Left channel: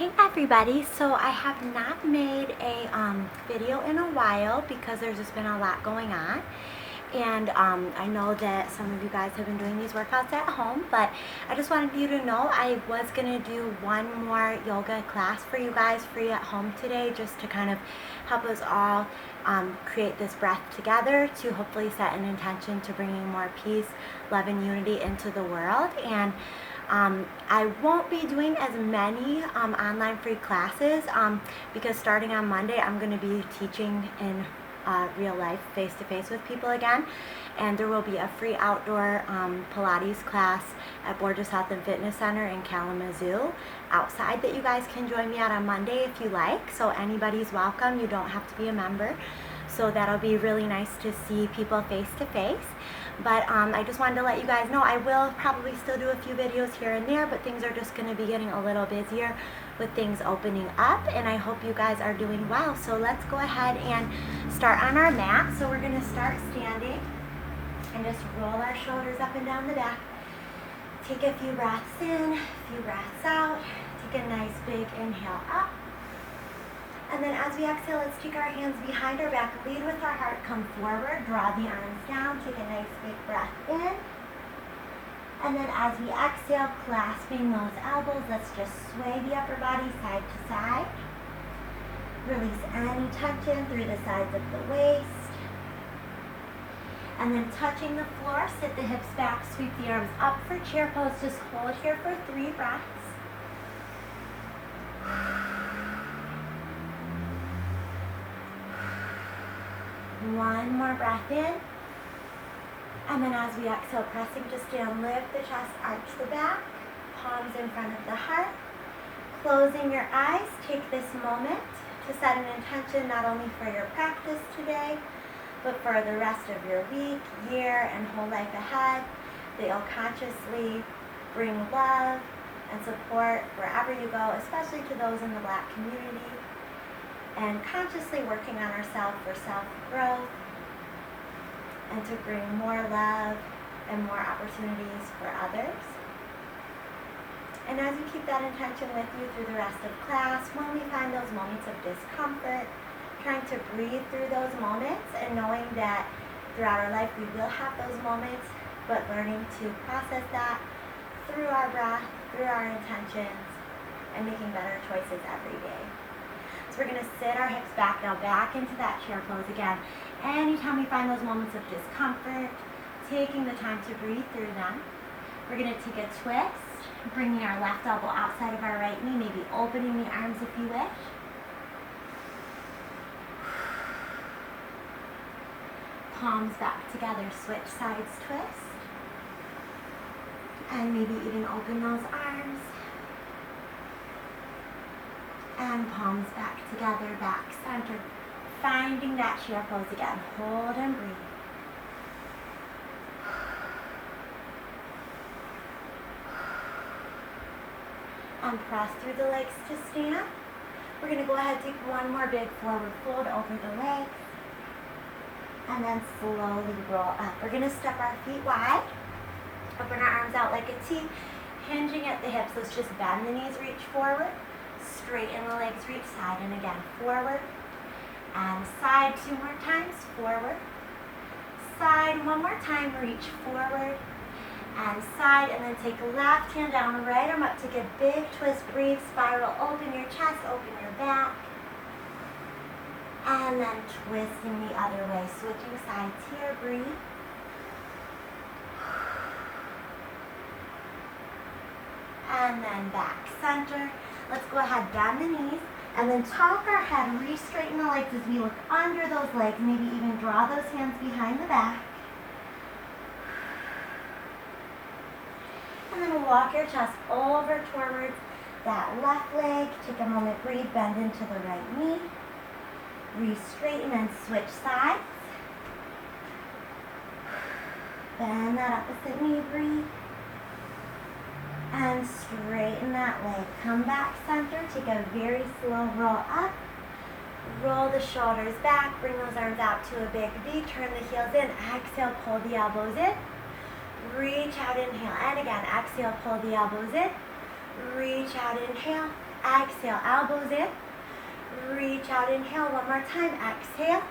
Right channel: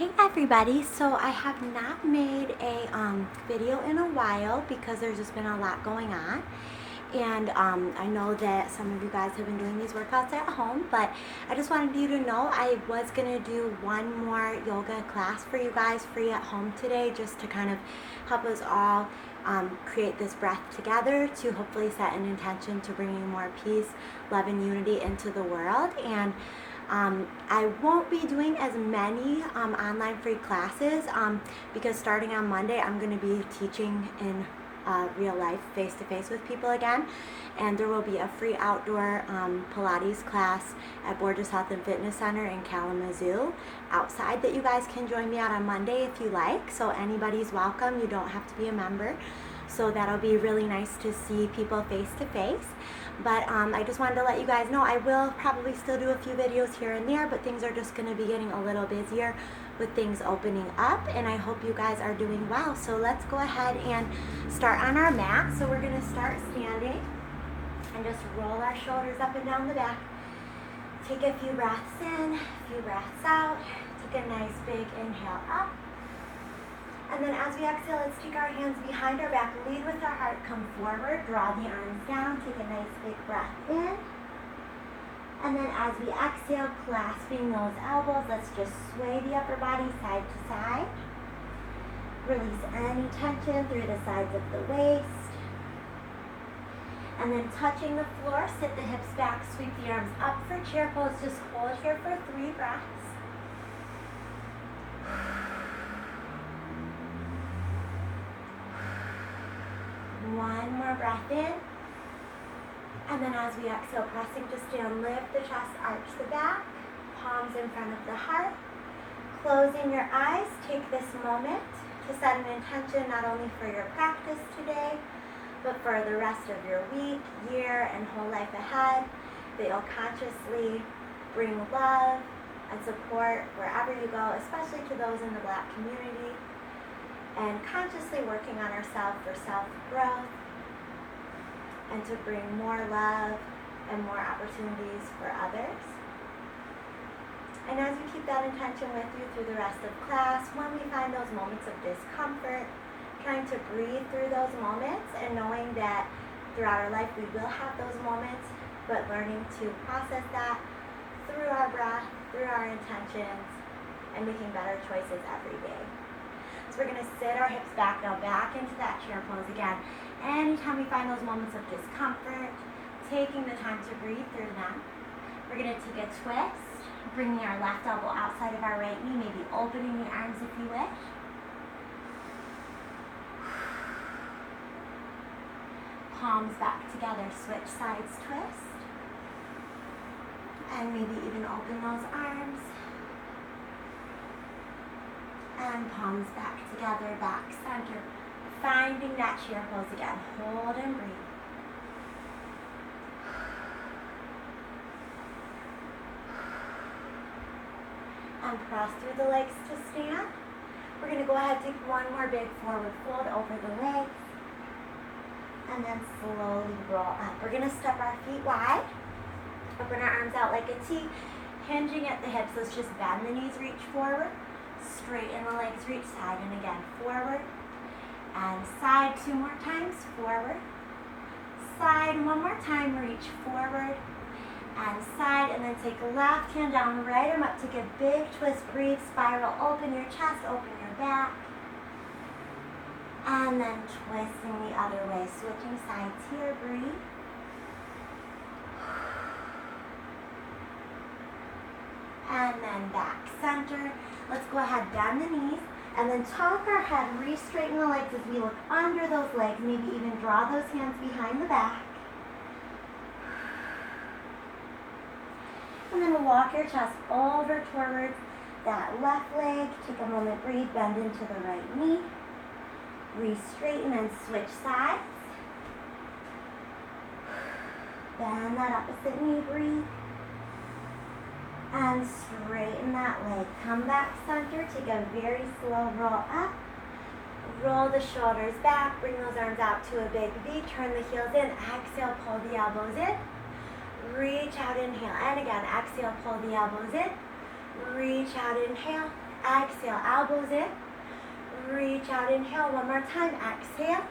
Hey everybody, so I have not made a video in a while because there's just been a lot going on, and I know that some of you guys have been doing these workouts at home, but I just wanted you to know I was going to do one more yoga class for you guys free at home today, just to kind of help us all create this breath together to hopefully set an intention to bringing more peace, love, and unity into the world. And I won't be doing as many online free classes because starting on Monday I'm going to be teaching in real life, face-to-face with people again, and there will be a free outdoor Pilates class at Borgess Health and Fitness Center in Kalamazoo outside that you guys can join me at on Monday if you like. So anybody's welcome. You don't have to be a member. So that'll be really nice to see people face-to-face. But I just wanted to let you guys know I will probably still do a few videos here and there, but things are just going to be getting a little busier with things opening up, and I hope you guys are doing well. So let's go ahead and start on our mat. So we're going to start standing and just roll our shoulders up and down the back. Take a few breaths in, a few breaths out. Take a nice big inhale up. And then as we exhale, let's take our hands behind our back, lead with our heart, come forward, draw the arms down, take a nice big breath in. And then as we exhale, clasping those elbows, let's just sway the upper body side to side. Release any tension through the sides of the waist. And then touching the floor, sit the hips back, sweep the arms up for chair pose. Just hold here for 3 breaths. One more breath in. And then as we exhale, pressing to stand, lift the chest, arch the back, palms in front of the heart. Closing your eyes, take this moment to set an intention not only for your practice today, but for the rest of your week, year, and whole life ahead, that you'll consciously bring love and support wherever you go, especially to those in the Black community, and consciously working on ourselves for self-growth and to bring more love and more opportunities for others. And as you keep that intention with you through the rest of class, when we find those moments of discomfort, trying to breathe through those moments and knowing that throughout our life we will have those moments, but learning to process that through our breath, through our intentions, and making better choices every day. So we're going to sit our hips back now, back into that chair pose again. Anytime we find those moments of discomfort, taking the time to breathe through them. We're going to take a twist, bringing our left elbow outside of our right knee, maybe opening the arms if you wish. Palms back together, switch sides, twist. And maybe even open those arms. And palms back together, back center. Finding that chair pose again. Hold and breathe. And press through the legs to stand. We're going to go ahead and take one more big forward fold over the legs. And then slowly roll up. We're going to step our feet wide. Open our arms out like a T. Hinging at the hips. Let's just bend the knees, reach forward. Straighten the legs, reach side, and again, forward. And side 2 more times, forward. Side 1 more time, reach forward. And side, and then take left hand down, right arm up, take a big twist, breathe, spiral, open your chest, open your back. And then twisting the other way, switching sides here, breathe. And then back center. Let's go ahead, bend the knees, and then tuck our head, re-straighten the legs as we look under those legs, maybe even draw those hands behind the back. And then walk your chest over towards that left leg. Take a moment, breathe, bend into the right knee. Re-straighten and switch sides. Bend that opposite knee, breathe. And straighten that leg. Come back center. Take a very slow roll up. Roll the shoulders back. Bring those arms out to a big V. Turn the heels in. Exhale, pull the elbows in. Reach out, inhale. And again, exhale, pull the elbows in. Reach out, inhale. Exhale, elbows in. Reach out, inhale. One more time. Exhale.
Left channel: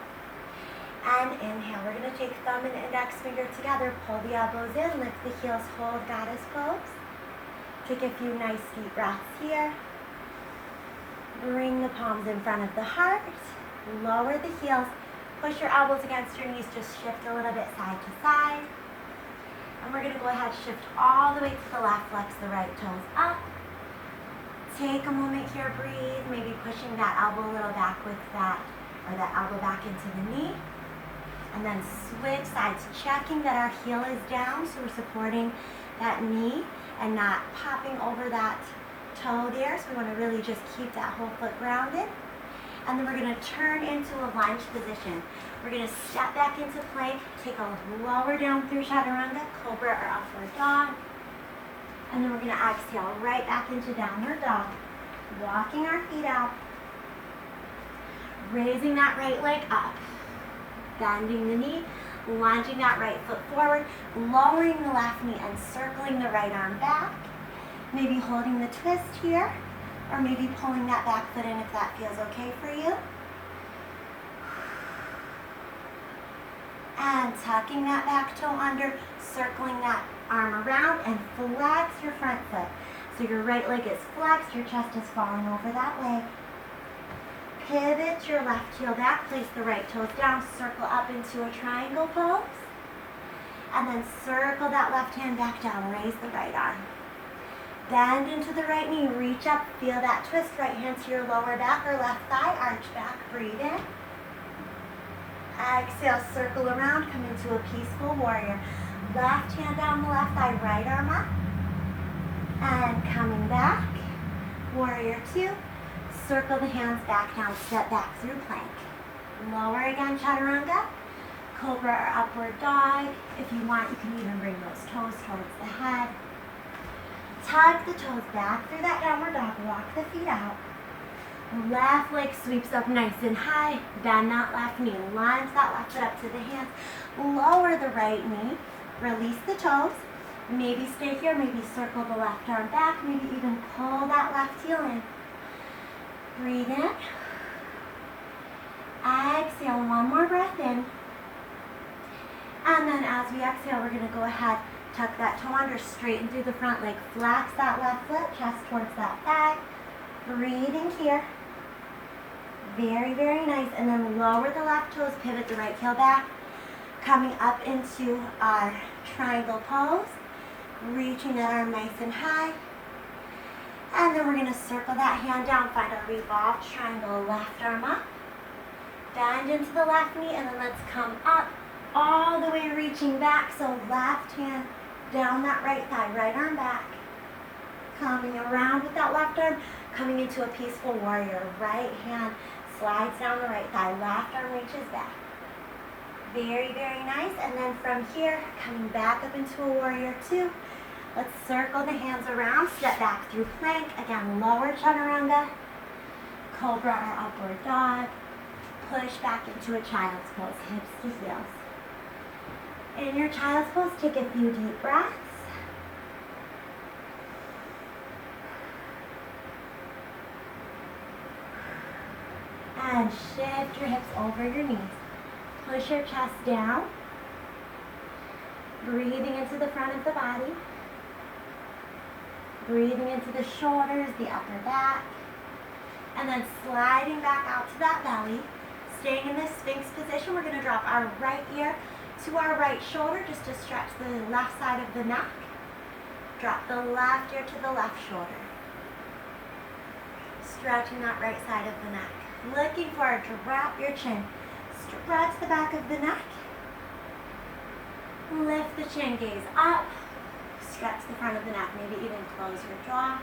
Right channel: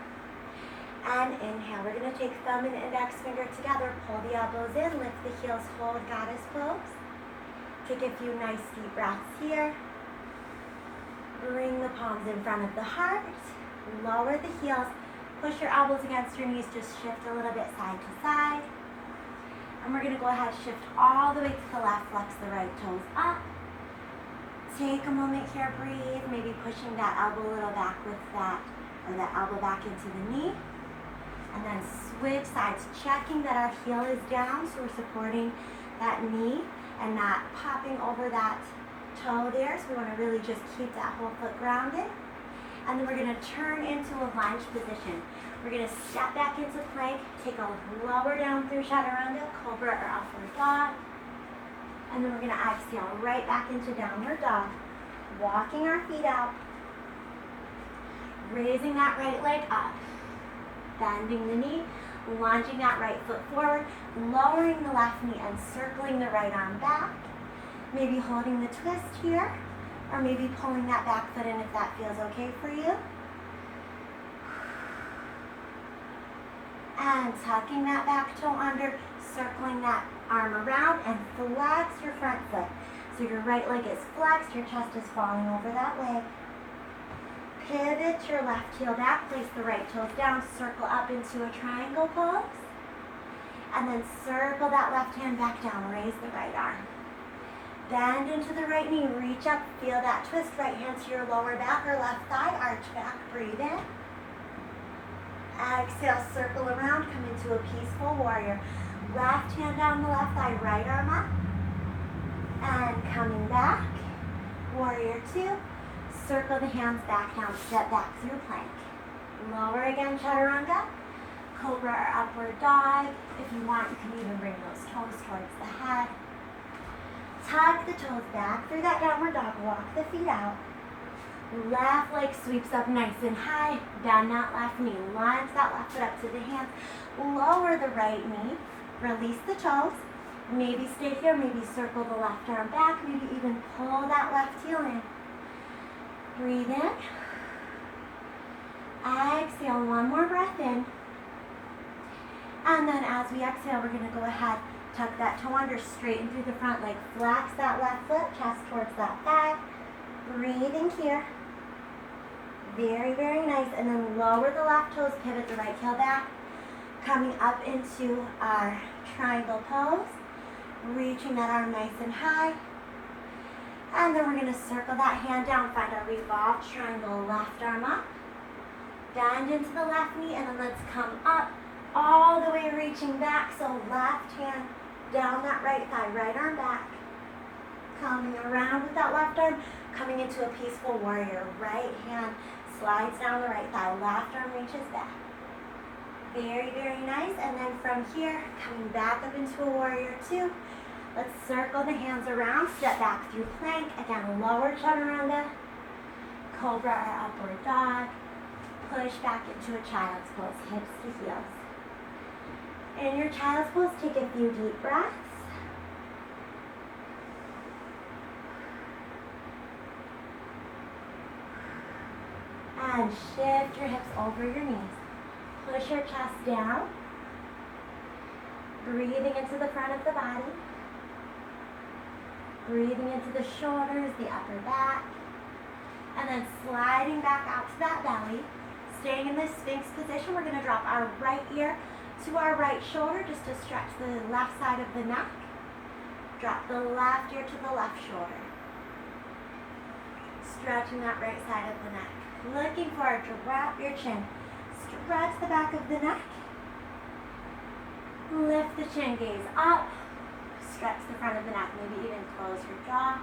And inhale. We're going to take thumb and index finger together. Pull the elbows in. Lift the heels. Hold goddess pose. Take a few nice deep breaths here. Bring the palms in front of the heart. Lower the heels. Push your elbows against your knees. Just shift a little bit side to side. And we're going to go ahead and shift all the way to the left. Flex the right toes up. Take a moment here. Breathe. Maybe pushing that elbow a little back with that, or that elbow back into the knee. And then switch sides, checking that our heel is down, so we're supporting that knee and not popping over that toe there. So we want to really just keep that whole foot grounded. And then we're going to turn into a lunge position. We're going to step back into plank, take a lower down through chaturanga, cobra or upward dog. And then we're going to exhale right back into downward dog. Walking our feet out. Raising that right leg up. Bending the knee, lunging that right foot forward, lowering the left knee and circling the right arm back. Maybe holding the twist here, or maybe pulling that back foot in if that feels okay for you. And tucking that back toe under, circling that arm around, and flex your front foot. So your right leg is flexed, your chest is falling over that leg. Pivot your left heel back, place the right toes down, circle up into a triangle pose. And then circle that left hand back down, raise the right arm. Bend into the right knee, reach up, feel that twist, right hand to your lower back or left thigh, arch back, breathe in. Exhale, circle around, come into a peaceful warrior. Left hand down the left thigh, right arm up. And coming back, warrior two. Circle the hands back down, step back through plank. Lower again, chaturanga, cobra or upward dog. If you want, you can even bring those toes towards the head. Tuck the toes back through that downward dog, walk the feet out. Left leg sweeps up nice and high, bend that left knee, lunge that left foot up to the hands. Lower the right knee, release the toes. Maybe stay here, maybe circle the left arm back, maybe even pull that left heel in. Breathe in. Exhale, one more breath in. And then as we exhale, we're going to go ahead, tuck that toe under, straighten through the front leg, flex that left foot, chest towards that back. Breathing here. Very, very nice. And then lower the left toes, pivot the right heel back. Coming up into our triangle pose. Reaching that arm nice and high. And then we're going to circle that hand down, find a revolved triangle, left arm up. Bend into the left knee, and then let's come up all the way reaching back. So left hand down that right thigh, right arm back. Coming around with that left arm, coming into a peaceful warrior. Right hand slides down the right thigh, left arm reaches back. Very, very nice. And then from here, coming back up into a warrior two. Let's circle the hands around, step back through plank. Again, lower chaturanga, cobra or upward dog. Push back into a child's pose, hips to heels. In your child's pose, take a few deep breaths. And shift your hips over your knees. Push your chest down. Breathing into the front of the body. Breathing into the shoulders, the upper back. And then sliding back out to that belly. Staying in this Sphinx position, we're going to drop our right ear to our right shoulder just to stretch the left side of the neck. Drop the left ear to the left shoulder. Stretching that right side of the neck. Looking forward to wrap your chin. Stretch the back of the neck. Lift the chin, gaze up. Stretch the front of the neck, maybe even close your jaw.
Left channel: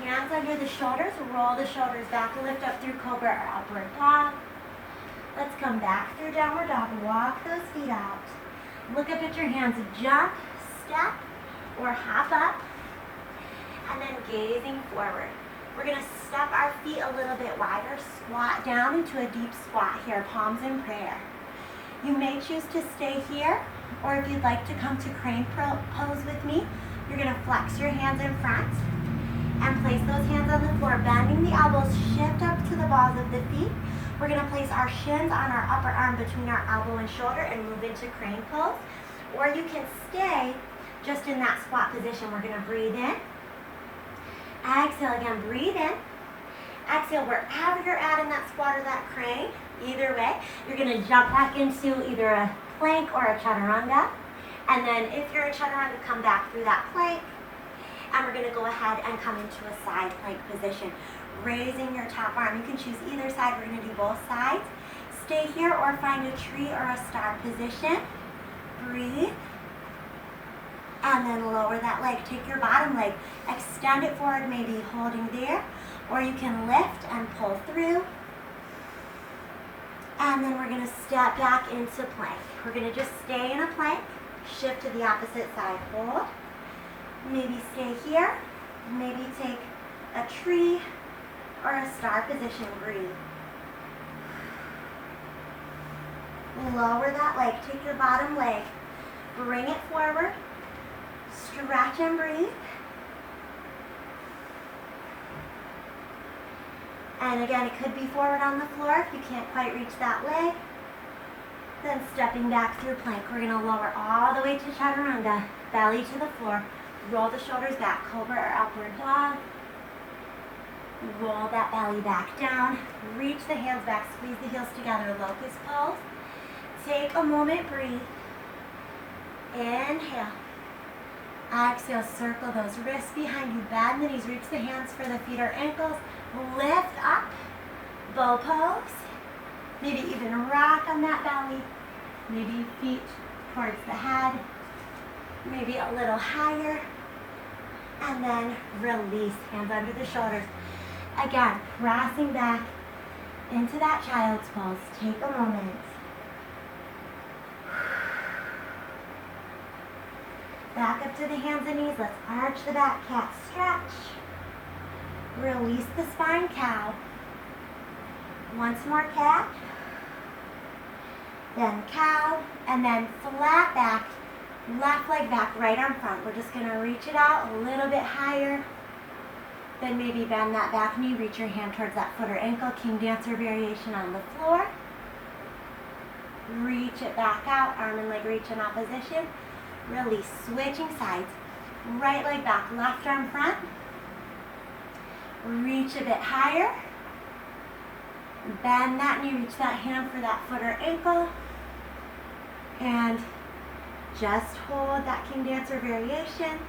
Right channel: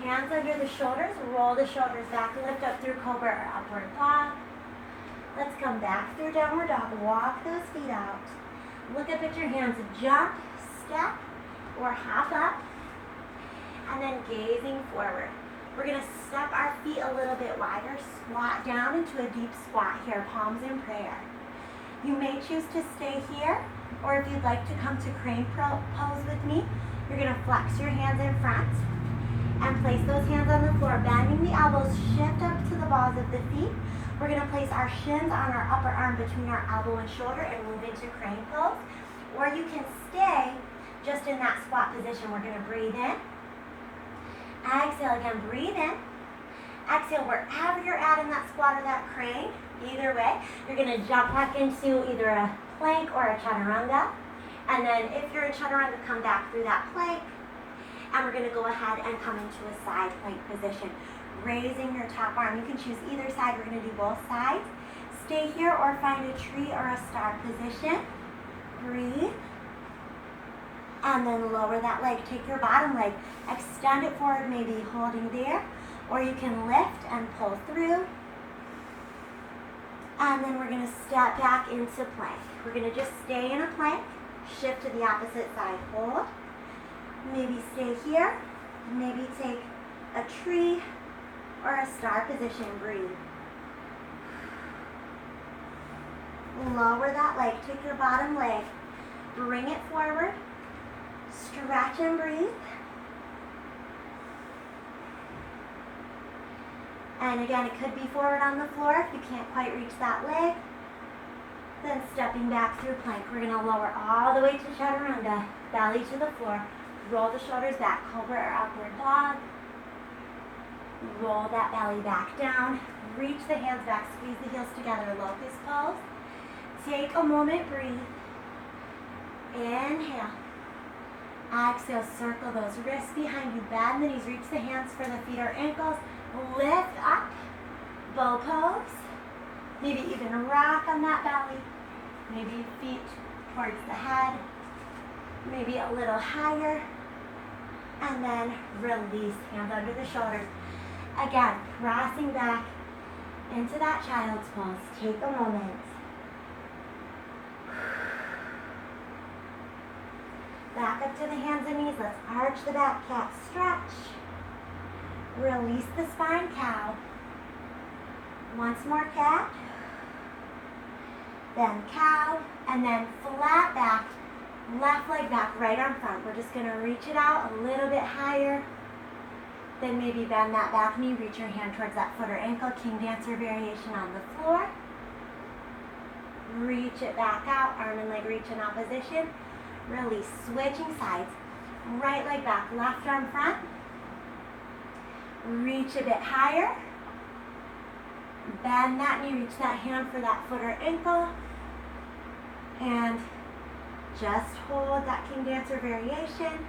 Hands under the shoulders, roll the shoulders back, lift up through cobra or upward dog. Let's come back through downward dog, walk those feet out. Look up at your hands, jump, step, or hop up, and then gazing forward. We're going to step our feet a little bit wider, squat down into a deep squat here, palms in prayer. You may choose to stay here. Or if you'd like to come to crane pose with me, you're going to flex your hands in front and place those hands on the floor, bending the elbows, shift up to the balls of the feet. We're going to place our shins on our upper arm between our elbow and shoulder and move into crane pose. Or you can stay just in that squat position. We're going to breathe in. Exhale again, breathe in. Exhale wherever you're at in that squat or that crane. Either way, you're going to jump back into either a plank or a chaturanga. And then if you're a chaturanga, come back through that plank. And we're going to go ahead and come into a side plank position. Raising your top arm. You can choose either side. We're going to do both sides. Stay here or find a tree or a star position. Breathe. And then lower that leg. Take your bottom leg. Extend it forward, maybe holding there. Or you can lift and pull through. And then we're going to step back into plank. We're going to just stay in a plank. Shift to the opposite side. Hold. Maybe stay here. Maybe take a tree or a star position. Breathe. Lower that leg. Take your bottom leg. Bring it forward. Stretch and breathe. And again, it could be forward on the floor if you can't quite reach that leg. Then stepping back through plank. We're going to lower all the way to chaturanga. Belly to the floor. Roll the shoulders back. Cobra or upward dog. Roll that belly back down. Reach the hands back. Squeeze the heels together. Locust pose. Take a moment. Breathe. Inhale. Exhale. Circle those wrists behind you. Bend the knees. Reach the hands for the feet or ankles. Lift up. Bow pose. Maybe even rock on that belly. Maybe feet towards the head. Maybe a little higher. And then release. Hands under the shoulders. Again, pressing back into that child's pose. Take a moment. Back up to the hands and knees. Let's arch the back, cat stretch. Release the spine, cow. Once more, cat. Then cow. And then flat back. Left leg back, right arm front. We're just going to reach it out a little bit higher. Then maybe bend that back knee. Reach your hand towards that foot or ankle. King Dancer variation on the floor. Reach it back out. Arm and leg reach in opposition. Release. Switching sides. Right leg back. Left arm front. Reach a bit higher. Bend that knee. Reach that hand for that foot or ankle. And just hold that King Dancer variation.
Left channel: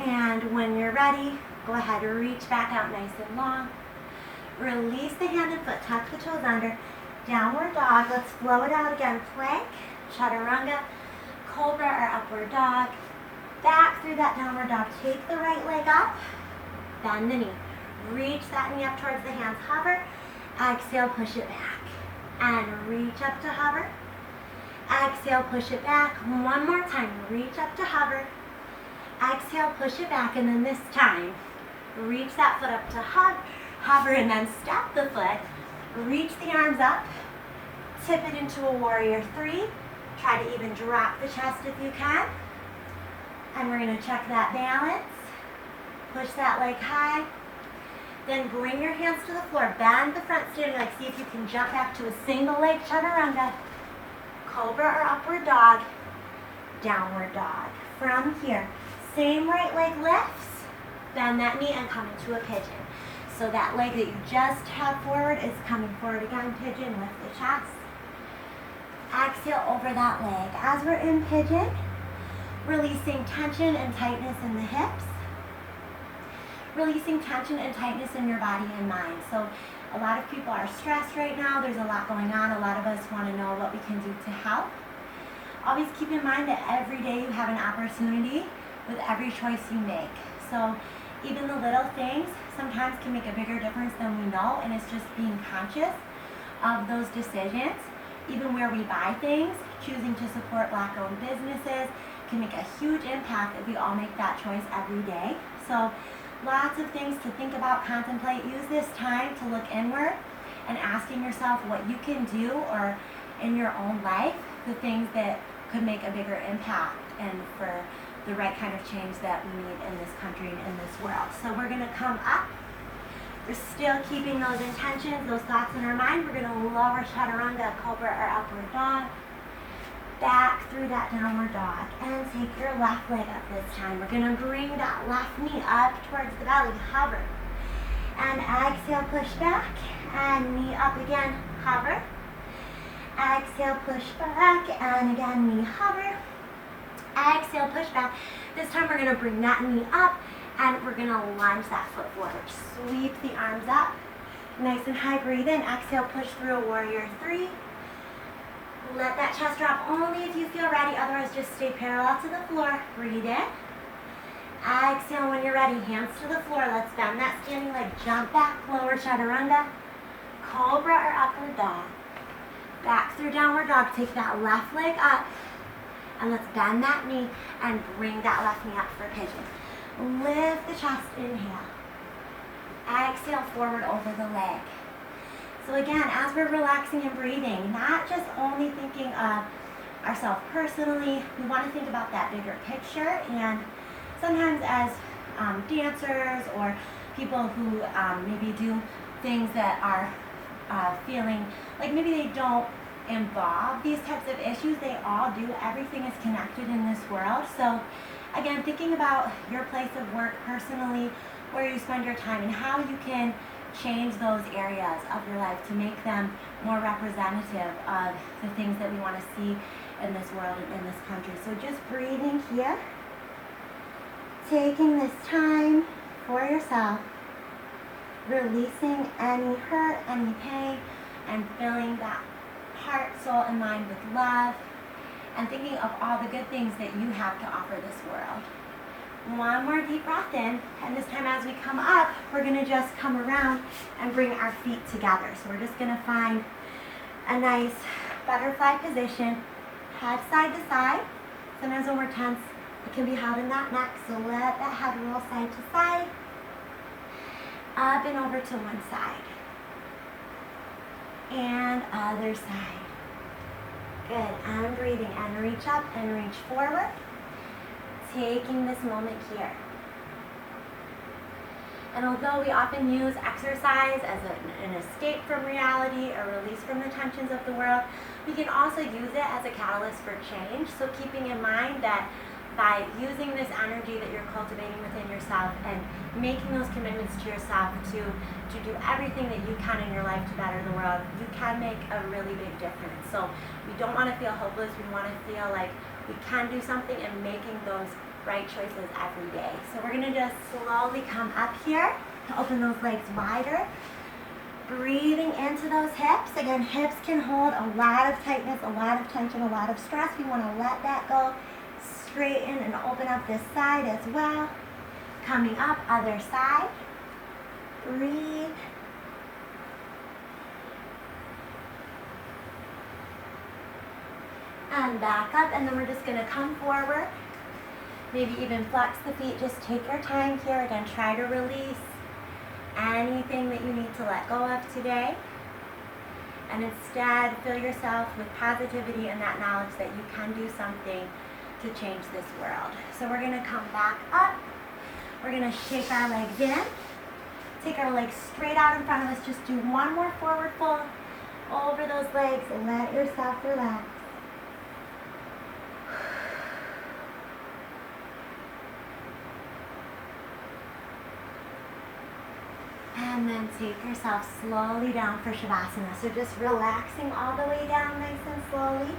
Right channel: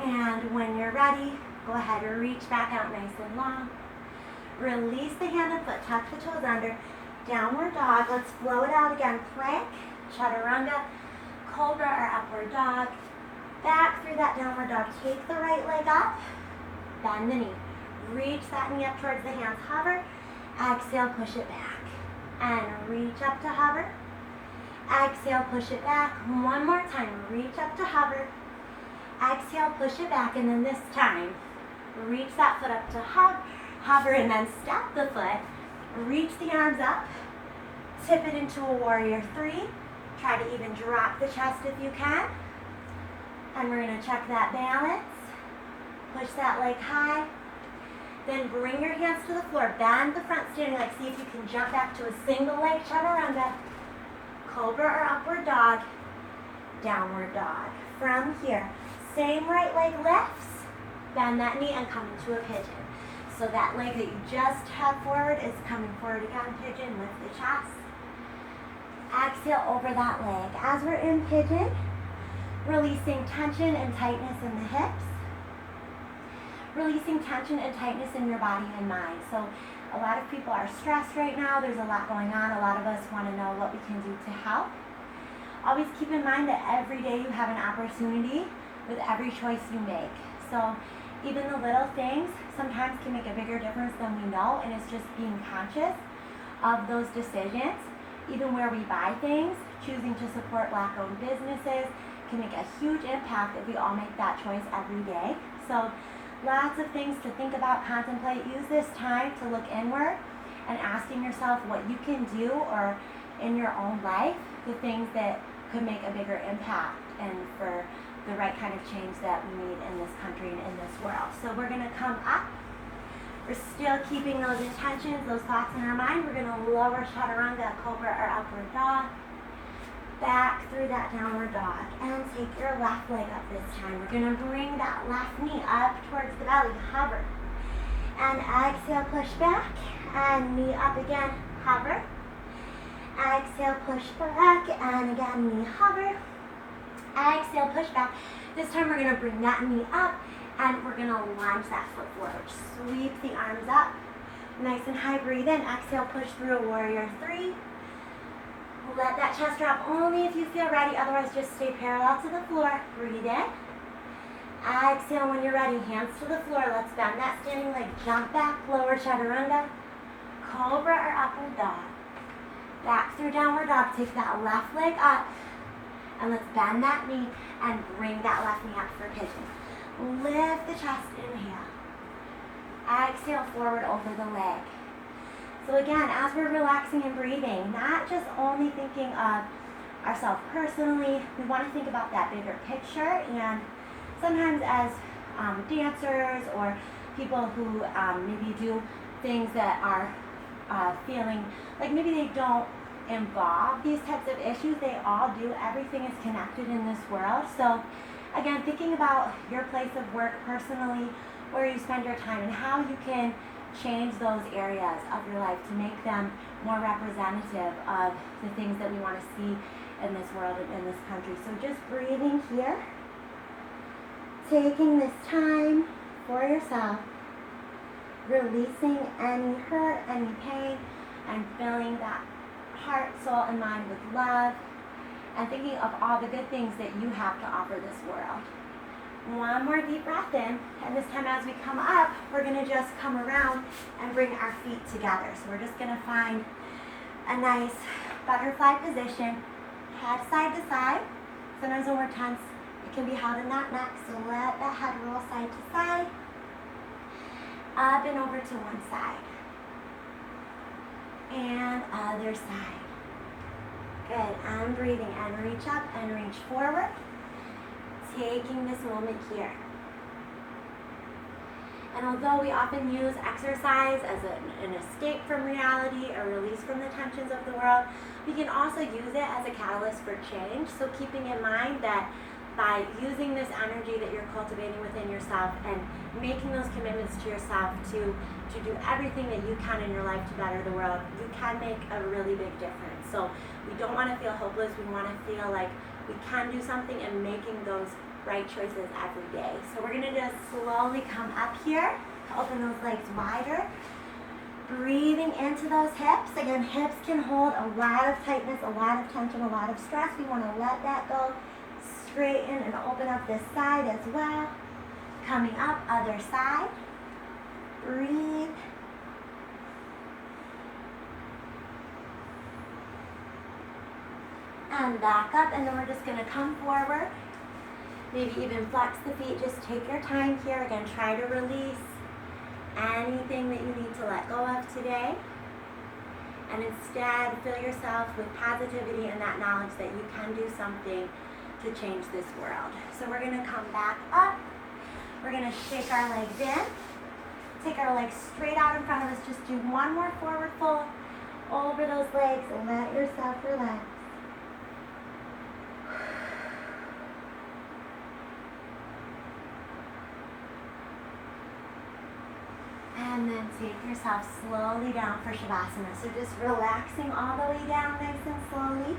And when you're ready, go ahead and reach back out nice and long. Release the hand and foot. Tuck the toes under. Downward dog. Let's flow it out again. Plank, chaturanga, cobra or upward dog. Back through that downward dog. Take the right leg up. Bend the knee. Reach that knee up towards the hands. Hover. Exhale, push it back. And reach up to hover. Exhale, push it back. One more time. Reach up to hover. Exhale, push it back. And then this time, reach that foot up to hug. Hover and then step the foot. Reach the arms up. Tip it into a warrior three. Try to even drop the chest if you can. And we're going to check that balance. Push that leg high. Then bring your hands to the floor. Bend the front standing leg. See if you can jump back to a single leg chaturanga. Cobra or upward dog. Downward dog. From here, same right leg lifts. Bend that knee and come into a pigeon. So that leg that you just had forward is coming forward again. Pigeon, lift the chest. Exhale over that leg. As we're in pigeon, releasing tension and tightness in the hips. Releasing tension and tightness in your body and mind. So a lot of people are stressed right now. There's a lot going on. A lot of us want to know what we can do to help. Always keep in mind that every day you have an opportunity with every choice you make. So even the little things sometimes can make a bigger difference than we know, and it's just being conscious of those decisions. Even where we buy things, choosing to support Black-owned businesses can make a huge impact if we all make that choice every day. So lots of things to think about, contemplate. Use this time to look inward and asking yourself what you can do or in your own life the things that could make a bigger impact and for the right kind of change that we need in this country and in this world. So we're going to come up. We're still keeping those intentions, those thoughts in our mind. We're going to lower chaturanga, cobra, or upward dog. Back through that downward dog. And take your left leg up this time. We're going to bring that left knee up towards the belly, hover. And exhale, push back. And knee up again, hover. Exhale, push back. And again, knee hover. Exhale, push back. This time we're going to bring that knee up. And we're going to lunge that foot forward. Sweep the arms up. Nice and high. Breathe in. Exhale, push through warrior 3. Let that chest drop only if you feel ready. Otherwise, just stay parallel to the floor. Breathe in. Exhale when you're ready. Hands to the floor. Let's bend that standing leg. Jump back. Lower chaturanga. Cobra or upward dog. Back through downward dog. Take that left leg up. And let's bend that knee and bring that left knee up for pigeon. Lift the chest, inhale. Exhale, forward over the leg. So again, as we're relaxing and breathing, not just only thinking of ourselves personally, we want to think about that bigger picture. And sometimes as dancers or people who maybe do things that are feeling like maybe they don't involve these types of issues, they all do. Everything is connected in this world. So again, thinking about your place of work personally, where you spend your time, and how you can change those areas of your life to make them more representative of the things that we want to see in this world and in this country. So just breathing here, taking this time for yourself, releasing any hurt, any pain, and filling that heart, soul, and mind with love, and thinking of all the good things that you have to offer this world. One more deep breath in, and this time as we come up, we're going to just come around and bring our feet together. So we're just going to find a nice butterfly position, head side to side. Sometimes when we're tense, it can be held in that neck, so let that head roll side to side, up and over to one side, and other side. Good, I'm breathing, and reach up and reach forward. Taking this moment here. And although we often use exercise as an escape from reality or release from the tensions of the world, we can also use it as a catalyst for change. So keeping in mind that by using this energy that you're cultivating within yourself and making those commitments to yourself to do everything that you can in your life to better the world, you can make a really big difference. So we don't want to feel hopeless. We want to feel like we can do something and making those right choices every day. So we're going to just slowly come up here, open those legs wider, breathing into those hips. Again, hips can hold a lot of tightness, a lot of tension, a lot of stress. We want to let that go. Straighten and open up this side as well. Coming up, other side. Breathe. And back up, and then we're just going to come forward. Maybe even flex the feet. Just take your time here. Again, try to release anything that you need to let go of today. And instead, fill yourself with positivity and that knowledge that you can do something to change this world. So we're going to come back up. We're going to shake our legs in. Take our legs straight out in front of us. Just do one more forward fold over those legs and let yourself relax. And then take yourself slowly down for Savasana. So just relaxing all the way down nice and slowly.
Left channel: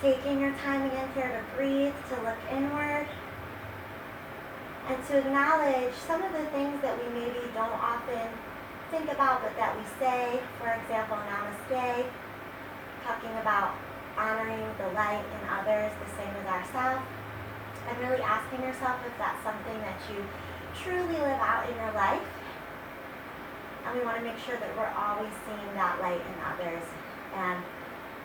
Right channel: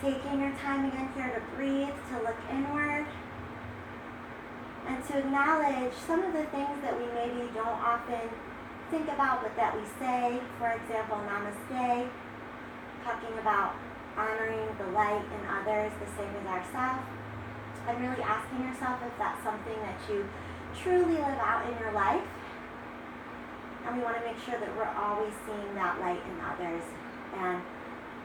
Taking your time again here to breathe, to look inward. And to acknowledge some of the things that we maybe don't often think about, but that we say. For example, namaste, talking about honoring the light in others the same as ourselves. And really asking yourself if that's something that you truly live out in your life. And we want to make sure that we're always seeing that light in others, and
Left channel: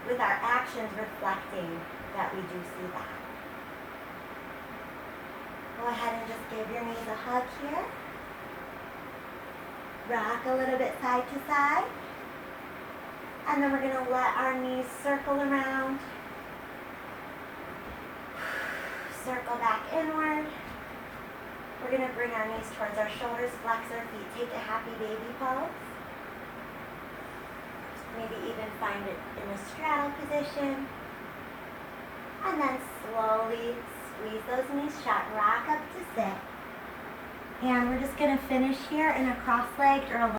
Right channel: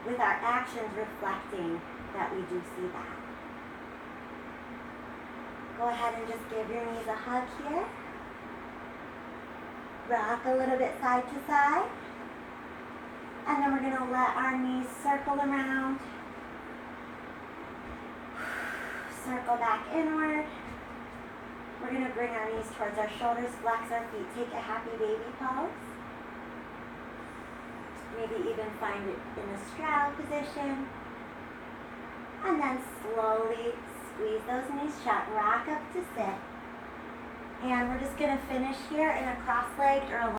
with our actions reflecting that we do see that. Go ahead and just give your knees a hug here. Rock a little bit side to side. And then we're going to let our knees circle around. Circle back inward. We're going to bring our knees towards our shoulders, flex our feet, take a happy baby pose. Maybe even find it in a straddle position. And then slowly squeeze those knees shut, rock up to sit. And we're just going to finish here in a cross-legged or a